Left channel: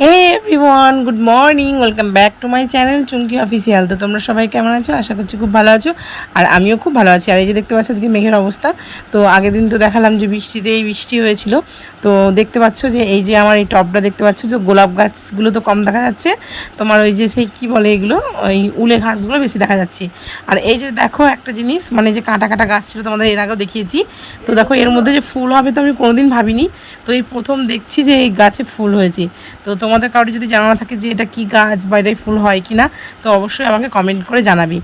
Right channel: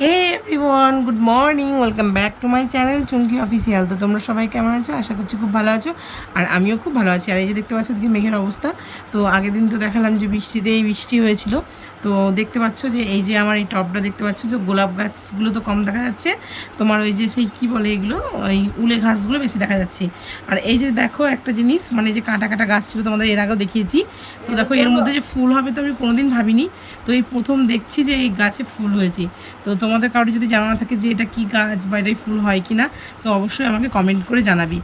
Hey everyone, good morning, welcome back to my channel Chumki official. তো তোমরা সবাই কেমন আছো? আশা করছি খুব ভালো আছো, আর আমিও খুব ভালো আছি। আর এই যে দেখতে পাচ্ছ আজকে মেঘের অবস্থা। তো আগের দিন তো দেখালাম যে বৃষ্টি হয়েছিল। তো দেখতে পাচ্ছ যে এই যে আমার এই টবটা দেখতে পাচ্ছ যে গোলাপ গাছগুলো তো কম দেখা যাচ্ছে, তোমার ওই যে সেই কী বলে এগুলো, ওই উলে ঘাসগুলো বেশি দেখা যাচ্ছে। আর এই যে দেখো একটা জিনিস, মানে যে কাঁটা কাঁটা গাছ ছিল, তোমাদের এর আগেও দেখিয়েছি। তো দেখো এর মধ্যে যে ফুল হবে তো আমি কোনোদিন ভাবিনি। তো এই প্রথম দেখছি যে এই গাছে ফুল হয়েছে। তো তোমাদের কারোর যদি জানা থাকে যে এটা কি গাছ বা এটাই ফুল হয় কি না, তো অবশ্যই আমাকে কমেন্ট করে জানাবি।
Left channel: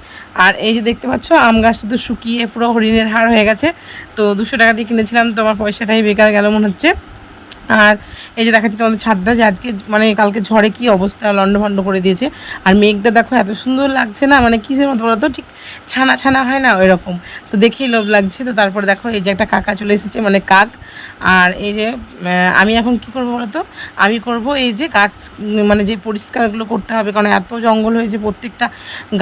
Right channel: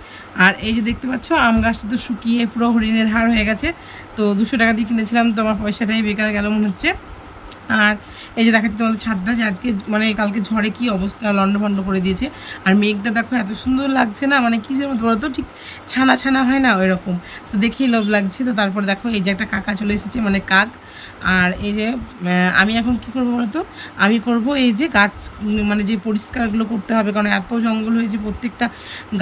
আর এই যে দেখতে পাচ্ছ আম গাছটা তো শুকিয়ে পুরো হরিণের হাড় হয়ে গেছে। তো 200 টাকা দিয়ে কিনেছিলাম, তোমার পয়সাটাই বেকার গেল মনে হচ্ছে। আর এই যে দেখাচ্ছি তোমাদের ছাদটা, যে আজকে মানে কালকে ঝড়ে কি অবস্থা লন্ডভন্ড করে দিয়েছে। আর মেঘটা দেখো এত সুন্দর লাগছে না, মানে কিসের মতো বলো তো, ঠিক ছানা ছানা হয় না ওই রকম। তো দেখেই লোভ লাগছে। তো তারপরে দেখো এই যে একটা কাকা চলে এসেছে, মানে কাক। আর এই যে আমি এখন কি করবো বলো তো, আমি করব এই যে গাছ, মানে যে পরিষ্কারগুলো করতে হবে, কারণ এত জঙ্গল হয়েছে প্রত্যেকটা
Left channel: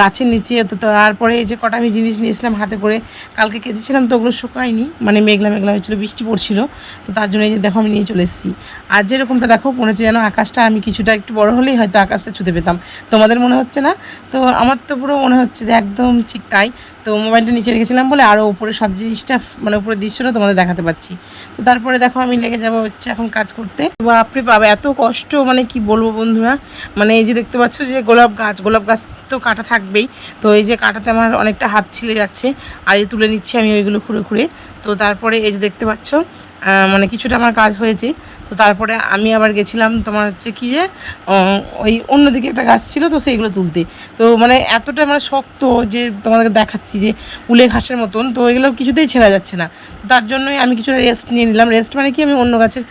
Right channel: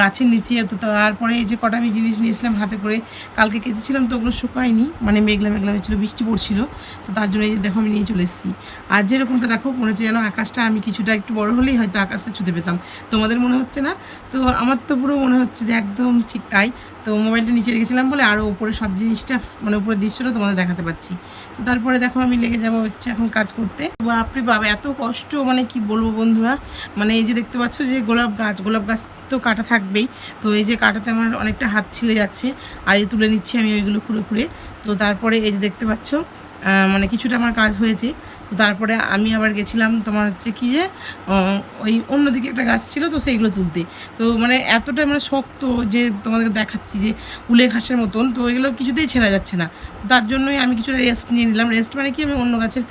গাছের নিচে। তো তারপরে এই যে কটা আমি জিনিস নিয়েছিলাম হাতে করে, কালকে কেটেছিলাম, তো ওগুলো শুকায়নি, মানে মেঘলা মেঘলা হয়েছিলো, বৃষ্টি পড়ছিল। তো তার জন্য এই যে দেখো আমি নিয়ে চলে এসেছি। আর যেরকমটা দেখো মনে হচ্ছে যেন আকাশটা, আমি কিছুটা একটু বড় হলেই হয়তো আকাশটা ছুঁতে পেতাম। তোমাদের মনে হচ্ছে না? তো আমার তো পুরো মনে হচ্ছে যে একদম ঠিক তাই। তো মোবাইলটা নিচে রেখেছিলাম বলে আরও উপরে সব জিনিসটা, মানে উপরের দৃশ্যটা তোমাদের দেখাতে পাচ্ছি। তো তারপরে দেখো আমি লেগে যাবো হচ্ছে এখন কাজ করতে। বাপরে বাবা এত কষ্ট, মানে কি বলবো বন্ধুরা। মানে এই যে দেখতে পাচ্ছ যে গোলাপ গাছ তো কাটা থাকবেই। তো এই যে কাটাতে আমার অনেকটা হাত ছিলে যাচ্ছে, আর এই তুলে নিচ্ছি আমি ওইগুলো খুঁড়ে খুঁড়ে। তো তারপরে এই যে দেখতে পাচ্ছ মানে কিছুটা আমার কাজ হয়েছে। তো তারপরে আমি আবার গেছিলাম তোমার হচ্ছে কি যে ওই অন্যদিকে একটা গাছ ছিল, তো সেইগুলো তুলতে। তো মানে এতটা মানে শক্ত যে তোমাদেরকে দেখাচ্ছি যে উলে ঘাসের মতন, তো এগুলো কিছুতেই ছেঁড়া যাচ্ছে না। তার জন্যই আমি কিছুটা রেস্ট নিয়ে নিলাম। রেস্ট মানে কি, আমি অন্য গাছের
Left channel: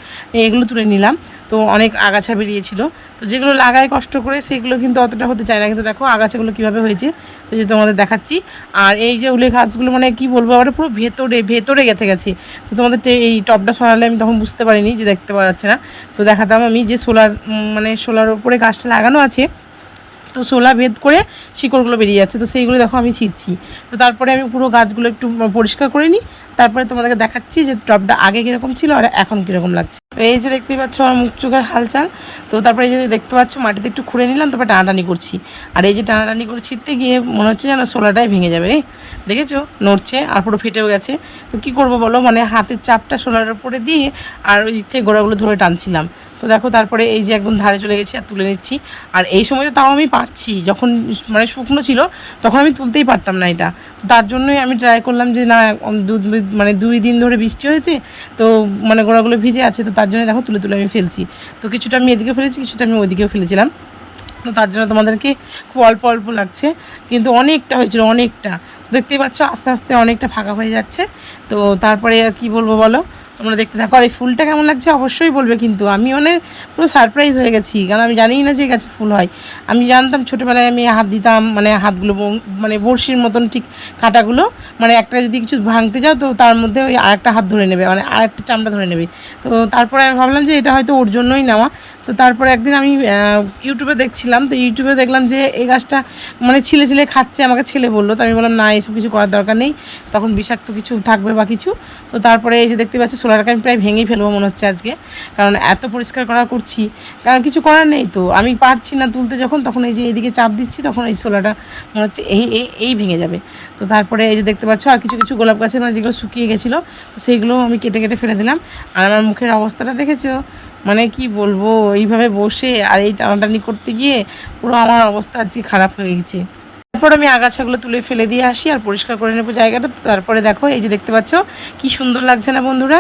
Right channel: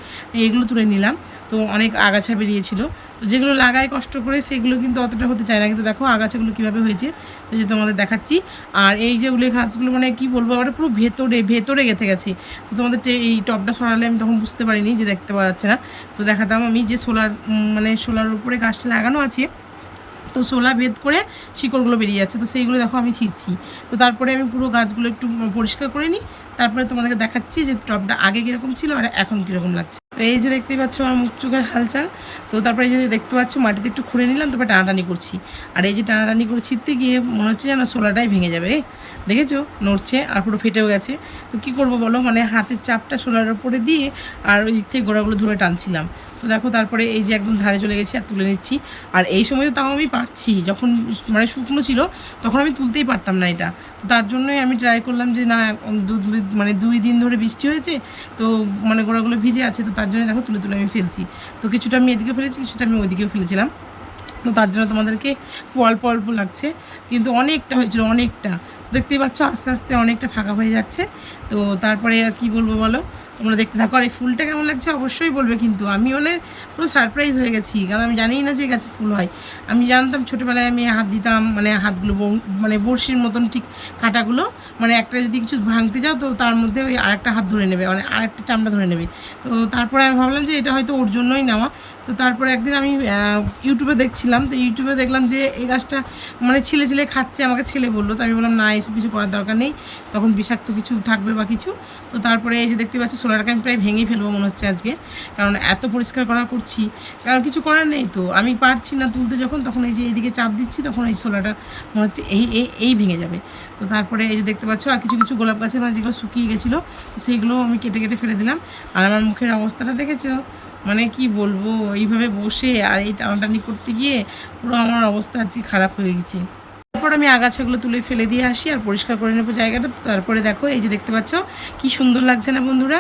এগুলো তুলে নিলাম। তো অনেক আগাছা বেরিয়েছিল, তো যেগুলো লাগায় কষ্ট করে সেগুলো কিন্তু অতটা হতে চায় না। কিন্তু দেখো আগাছাগুলো কীভাবে হয়েছে, তো যে তোমাদের দেখাচ্ছি। আর এই যে উলে ঘাসগুলো মানে কি বলবো, আবার পুরো ভেতরে গেঁথে গেছে। তো তোমাদের এই টবটা সরালে আমি তখন বুঝতে পারিনি যে দেখতে পাওয়া যাচ্ছে না। তো দেখাতাম আমি যে মানে সোলার ওপরে গাছটা লাগানো আছে, তো শোলা ভেদ করে শিকড়গুলো বেরিয়ে যাচ্ছে, তো সেইগুলো দেখো আমি ছিঁড়ছি। তো তারপরে আমি পুরো গাছগুলো একটু পরিষ্কার করে নিই, তারপরে তোমাদেরকে দেখাচ্ছি যে টবটা আগে কীরকম ছিল আর এখন কীরকম লাগছে। তো এই যে দেখতেই পাচ্ছ আমার মুখ চোখের হালচাল। তো তারপরে এই যে দেখতে পাচ্ছ মাটিতে একটু খুঁড়ে নিলাম, তারপরে টানাটানি করছি। আর এই যে টানাটানি করে ছিঁড়তে গিয়ে মনে হচ্ছে যেন শোলাটাই ভেঙে যাবে রে, দেখেছো নড়ছে আর পুরো ফেটেও গেছে। তো কী করবো বলো, মানে হাতের চাপটা শোলার উপরে দিয়ে আর ওই দিক থেকে গোড়াগুলো ধরে টানছিলাম। তো দেখো তারপরে এই যে একদম ধারে চলে গেছি আর তুলে নিচ্ছি। আর এই সময় তো তাও আমি পারছি, যখন মানে শুকনো ছিল তখন আমি তুলতেই পারতাম না এটা। তার জন্যই আমি ট্রাই করলাম যে না, মানে 2 দিন ধরে বৃষ্টি হয়েছে, তো মানে গোড়াগুলো ভিজে আছে, তো তার জন্য দেখো তুলে তুলে আমি ফেলছি। তো কিছুটা আমি এদিকে ফেলেছি, কিছুটা আমি ওইদিকেও ফেলেছিলাম। তো তার জন্য তোমাদেরকে খুব অল্প অল্প লাগছে, কিন্তু অনেকটা হয়েছিল, অনেকটা। দেখতেই পাচ্ছ আস্তে আস্তে অনেকটা ফাঁকা হয়ে যাচ্ছে। তো তারপরে আর কি বলবো বলো, তোমরা দেখতে থাকো। আর এই ফুলটা কেমন লাগছে অবশ্যই বলবে, কিন্তু আমি মানে পুরো সারপ্রাইজ হয়ে গেছি, কারণ আমি জানিই না যে গাছে ফুল হয়। আমি জানতাম ছোটোবেলায় আমি হাত দিতাম, মানে হাতগুলো মানে বড়শির মতন ঠিক কাঁটাগুলো, মানে একটা যদি কিছু ভাঙতে যাও তো তার মধ্যে ওই আরেকটা হাত ধরে নেবে, মানে আরেকটা চামড়া ধরে নেবে। তো তারপরে আমি ভাবলাম যে এটা হয়তো ওর জন্যই নেওয়া। তো তারপরে একদিন আমি ইউটিউবে দেখছিলাম, তো ইউটিউবে দেখলাম যে এই গাছটা মানে ছিলে ছিলে খাচ্ছে, আমাকে ছেলে বললো। তো আমি বললাম না, এসব কিছু করার দরকার নেই, তখন বিষাক্ত কিছু থাকবে বা কিছু। তো তারপরে এই যে দেখতে পাচ্ছি সোলারটাকে আমি প্রায় ভেঙেই ফেলবো মনে হচ্ছে আজকে, কারণ এত পরিষ্কার করছি, কারণ কিছু করার নেই। তো আমি পারছি না তুলতে, যখন তখন এই যে এইদিকে চাপ দিচ্ছি, তখন এই সোলারটা মনে হচ্ছে এই ভেঙে যাবে। তো তারপরে এই যে দেখতে পাচ্ছ আর কিছু কিছু গোলাপ গাছে মানে যেগুলো শুকিয়ে গেছিলো, তো সেইগুলো আমি কেটে কেটে ফেলে দিলাম। আর আমার মুখের অবস্থাটা দেখেছো, মানে কি বলবো, এইভাবে বসে আর এই টানাটানি করতে গিয়ে পুরো আমার অবস্থা আজকে খারাপ হয়ে গেছে। তারপর আমি আগাছাগুলো তুলে ফেলে দিয়ে আসি আর পরিষ্কার করে নেবো জায়গাটা। তো তারপরে দেখো এই যে দেখতে পাচ্ছ কি সুন্দর লাগছে না বন্ধুরা।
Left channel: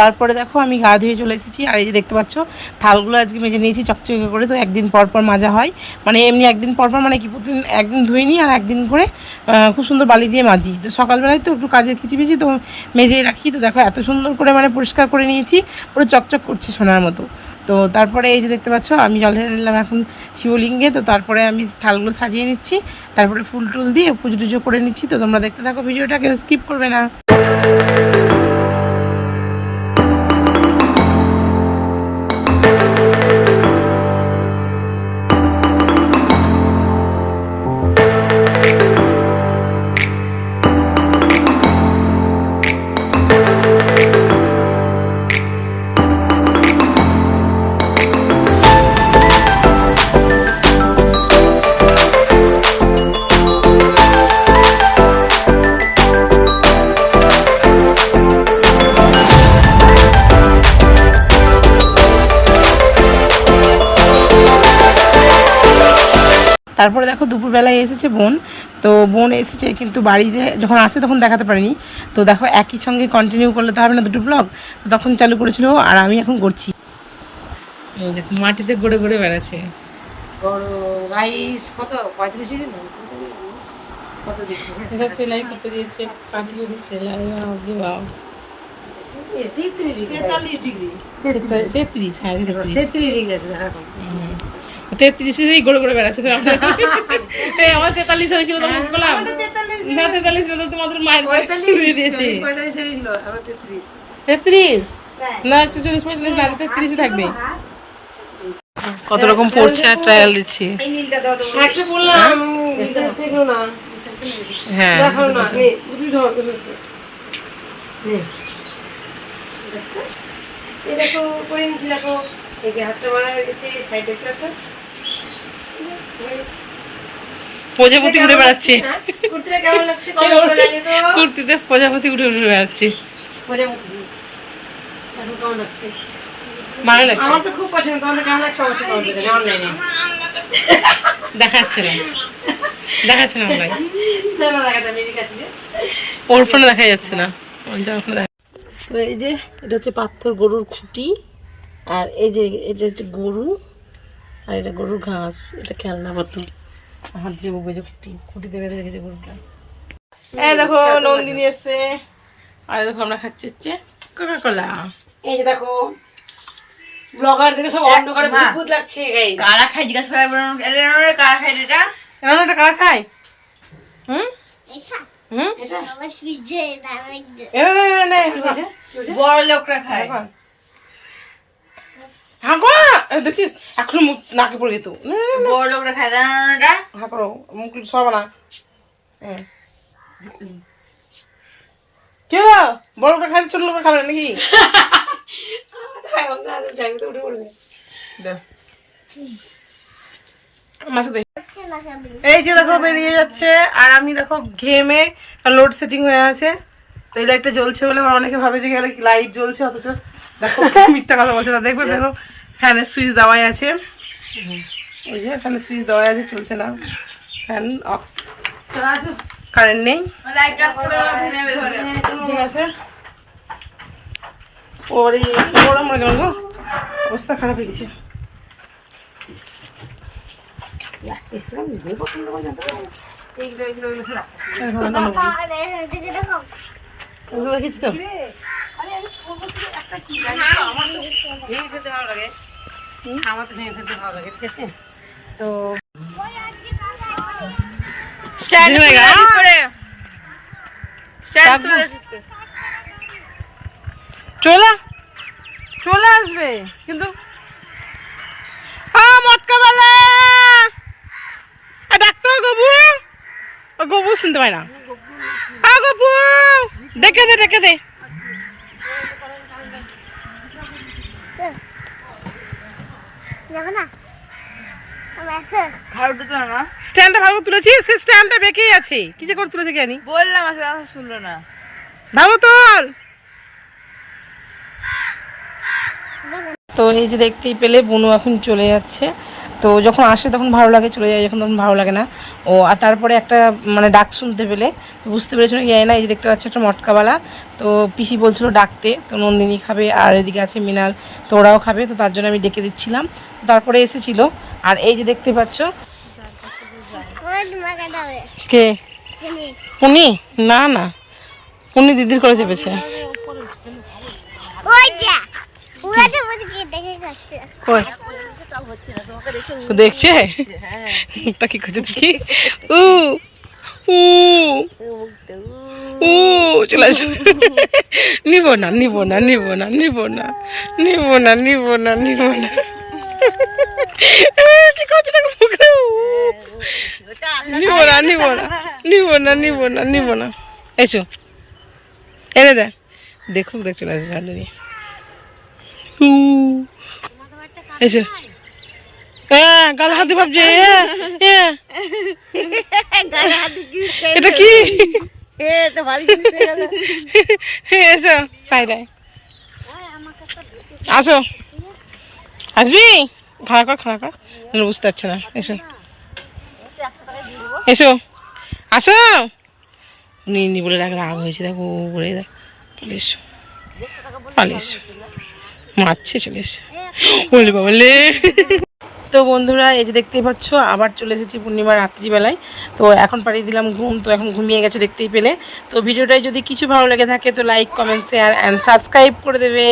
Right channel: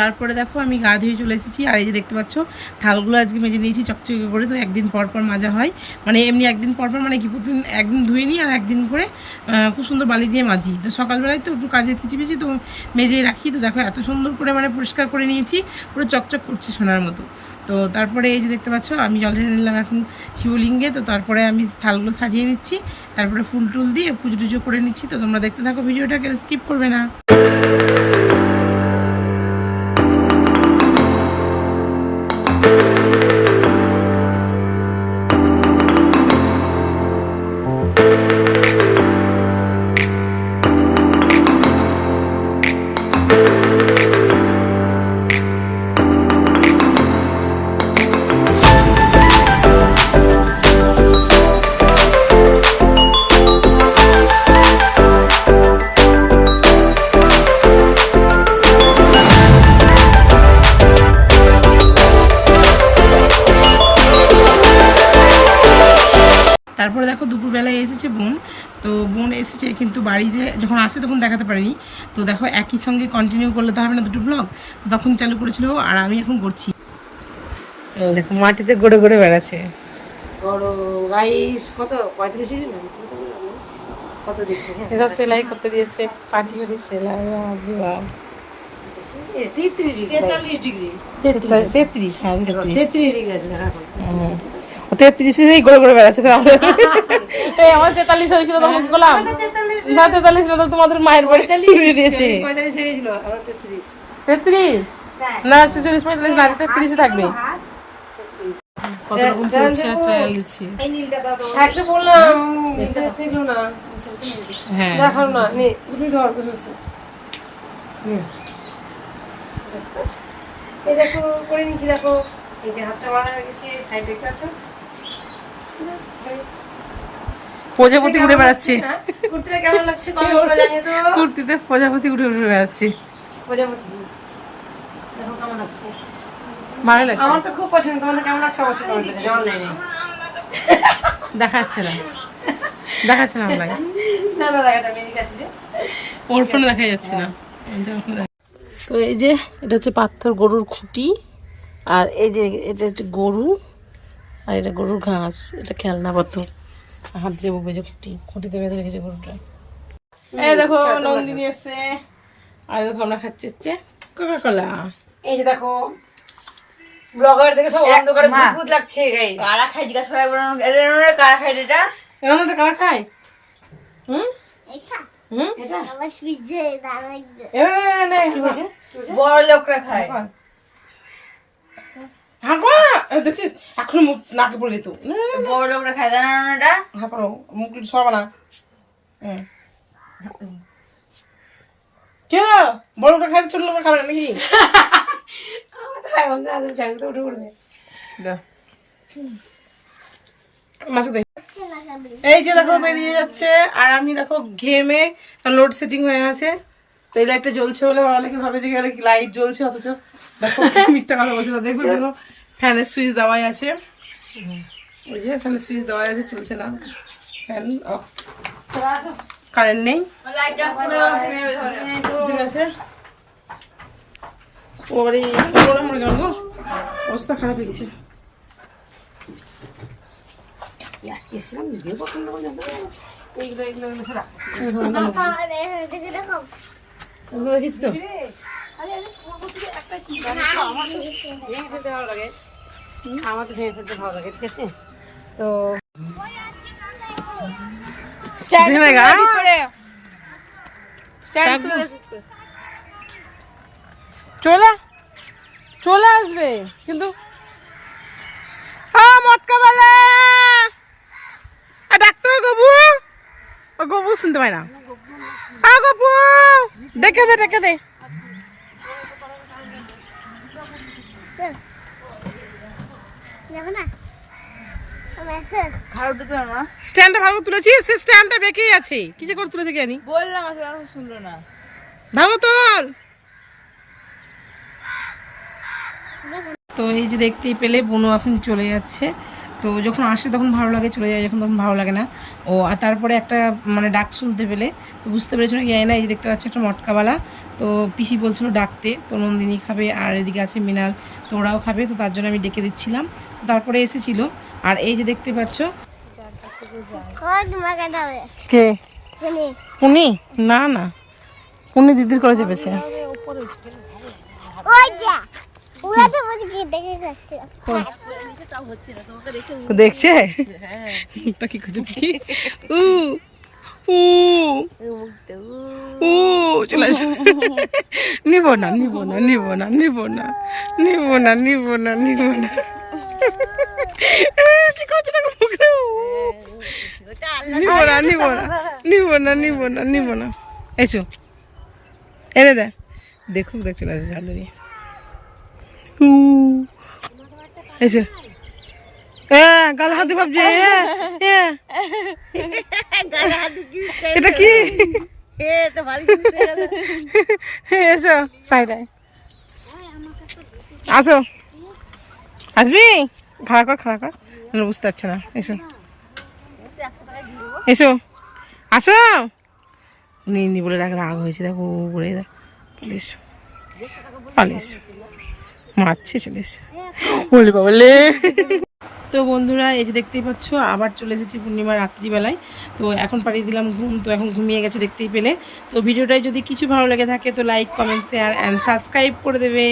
তারপরে দেখো আমি গা ধুয়ে চলে এসেছি, আর এই যে দেখতে পাচ্ছ থালগুলো আজকে মেজে নিয়েছি চকচকে করে। তো একদিন পর পর মাজা হয়, মানে এমনি একদিন পর পর, মানে কি প্রতিদিন একদিন ধুয়ে নিই আর একদিন করে খুব সুন্দর বালি দিয়ে মাজি। তো সকালবেলায় তো একটু কাজের খিচিবিচি, তো মেজেই রাখি। তো দেখো এত সুন্দর করে মানে পরিষ্কার করে নিয়েছি, পুরো চকচক করছে সোনার মতো। তো তারপরে এই যে দেখতে পাচ্ছ আমি জল ঢেলে নিলাম এখন শিবলিঙ্গে। তো তারপরে আমি থালগুলো সাজিয়ে নিচ্ছি, তারপরে ফুল টুল দিয়ে পুজো টুজো করে নিচ্ছি। তো তোমরা দেখতে থাকো ভিডিওটা, কেউ স্কিপ করবে না। তারপরে দেখো দুপুরবেলায় এসেছে বোন, তো বোন এসেছে কিন্তু বাড়িতে যখন আসে তখন দেখাতে পারিনি। তো দেখো একই সঙ্গে কন্টিনিউ করলে তো হবে না দুটো ব্লগ, তো তখন চালু করেছিল আর আমি এখন করছি। দেখো মাটিতে গড়ে গড়ে বেড়াচ্ছে। গরম রাইস কত 35 ডিগ্রি না কত দেখছি এসব সেলাই করতে দিয়েছে, পাটি করে সেলাই, বাপরে বাপ। 33 ডিগ্রি 33, হ্যাঁ 33 ডিগ্রি আছে দেখো এখন 33 গড়ে গড়ে বেড়াচ্ছে। এই আমার 43 হয়েছিল তখন কি করলাম? না 43 না, তোমাদের মায়ের বাড়ি দিয়েছে 45 ছিল আবার 33 33 না 44 45 না 33 থাকবে। কত রকম পড়ছে আর ট্রায়াল দিচ্ছি। একটা বললাম দেখো না, হ্যাঁ দেখো না নে তুমি ধর কিছু নে এই দেখো করে নিচ্ছি, দেখো এই যে হাতটা বাড়া গেছে সাইড দেখতে আছে প্রজাপতি উড়ে বেড়াচ্ছে। কুর্তিটা কেমন লাগছে কমেন্ট করে জানিয়ে তো। কুর্তিতে প্রজাপতি উড়ে উড়ে বেড়াচ্ছে। প্রজাপতি দেখো কেমন লাগছে। ভালো লাগছে, আমার তো খুব পছন্দ। তোমাদের কেমন লাগছে অবশ্যই কমেন্ট করে অনলাইনে। দেখাচ্ছে না দেখাচ্ছে না অনলাইন, না না লাগাটা মেরে কাছে যে ওর ফোনে দেখা যাচ্ছে না। তো এই যে এটা হচ্ছে পাথর গরুর খুঁটি, আর এই যে এটা হচ্ছে গরু, আর এটা গরুর ঘাস, এটা খেলনা পাথর হাত দিয়ে বলবে যে খুঁটিতে বেঁধে রেখেছে গরুটা। এই দেখো নন্দিনী এসছে, আর দেখো আমরা খাচ্ছি হচ্ছে কোকা কোলা। এই যে দেখো ব্লগার থেকে সব অন্ধকারে ভূত লাগছে গাইস। কারা খাই জিজ্ঞাসা করে কারা খাই এটা? রান্নাটা কারা খায়? হুম হুম এটা আমার ফ্রিজে দাঁড়াই বড় লোকরা খায়। হ্যাঁ গো দেখিস এখন মুখ নাকে পড়ে যেত। বড় লোকরা খায় রান্নাটা। হ্যাঁ করো মুখ সরবা না। কি হলো বড় লোকরা খায় ছোট লোকরা খাবে নাকি? খাই বন্ধু আজ যাই তো উঠে পড়বে। দাও মাছ দে। এই যে দেখো বেরিয়ে যাচ্ছে, আর আমি দেখো ঘেমে লোড সেটিং হয়ে আছে, তো এই লাইটটা জ্বলছে বলে অনেকে ভাবে যে লাইট জ্বলছে, অথচ দেখো মিথ্যা কথা বলছে না। দেখবে দেখো ফ্যানের সুইচ দেওয়াই আছে, এই যে ফ্যানের সুইচ দেওয়াই আছে, চলছে না, ফ্যান অফ, কারেন্ট নেই, ঠিক আছে। ওরে ওরা মনে গেল গো, অবস্থা খারাপ হয়ে গেছে। দেখিস তো আমার তো ভেঙে ফেলতে ভালো লাগে, ঠিক আছে। তো চলে আসবে কিন্তু মটকা বেলা ডাক্তার গবু, গবু শুনতে পায় না, গবু ডেকে দে ডেকে দে। যাবে না স্ট্যান্ডটা ভালো তুলেছি, সে স্ট্যান্ডটা বেঁকেই আছে, কি যে করে তুলেছে জানি, বললাম শুনলো না। ভালো তোল। তো এই যে দেখতেই পেলে বনু এখন চলে যাচ্ছে, তো যখন আসে তখন ভালো লাগে, চলে যায় যখন তখন ভালো লাগে না। ও আর তারপরে একটা মানে ডাক শুনতে পেলে তো বুঝতে পেরেছিল কি না, এই যে দেখতে পাচ্ছে একটা মটকাওয়ালা, তো পিসি বলছিল ডাকতে, তো নন্দিনী খাবে আর এদিকে আছে মিনাল, তো ওরাও খাবে, তো তার জন্য আমি ডেকে দিচ্ছিলাম, তারপরে এসেছিল। আর এই যে দেখতে পাচ্ছ কে পুনি, না না পুনি দিদির করে চেপেছে। দেখছে মুখটা কি করছে দেখি, উ উ উ চলে আসে। নিব না নিব না নিব না নিব না নিব না নিব না নিব না, কি করছে দেখো মুখে, নিব না নিব না নিব না নিব না নিব না, এসো এনে দে, দেখুক দেখ চলে আসবে ভালো দিয়ে। এসো গাল হাতে ভাবছে, এটা কি এসো সাইডায় আসো, আসবি খাড়া কর খাড়া কর, বুঝতে পারছে না, এসো এসো আসো নি বলে রাগ হয়েছে, দেখো বলে দেখ, পালে এসো পালে এসো, মারছে, চলে এসো, বলে বাবলে। তো বন্ধুরা এই যে দেখতেই পাচ্ছ আবার চলে এসেছি পূর্ণিমার রাত্রিবেলায়। তো এখন পাঠিয়ে দিলাম ঘুম, তো এখন ঘুমিয়ে গেছে দেখতেই পেলে। তো ভিডিওটায় যদি কিছু ভালো লেগে থাকে তো like comment share and subscribe করে দেবে।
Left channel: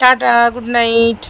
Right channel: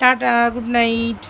Tata, good night.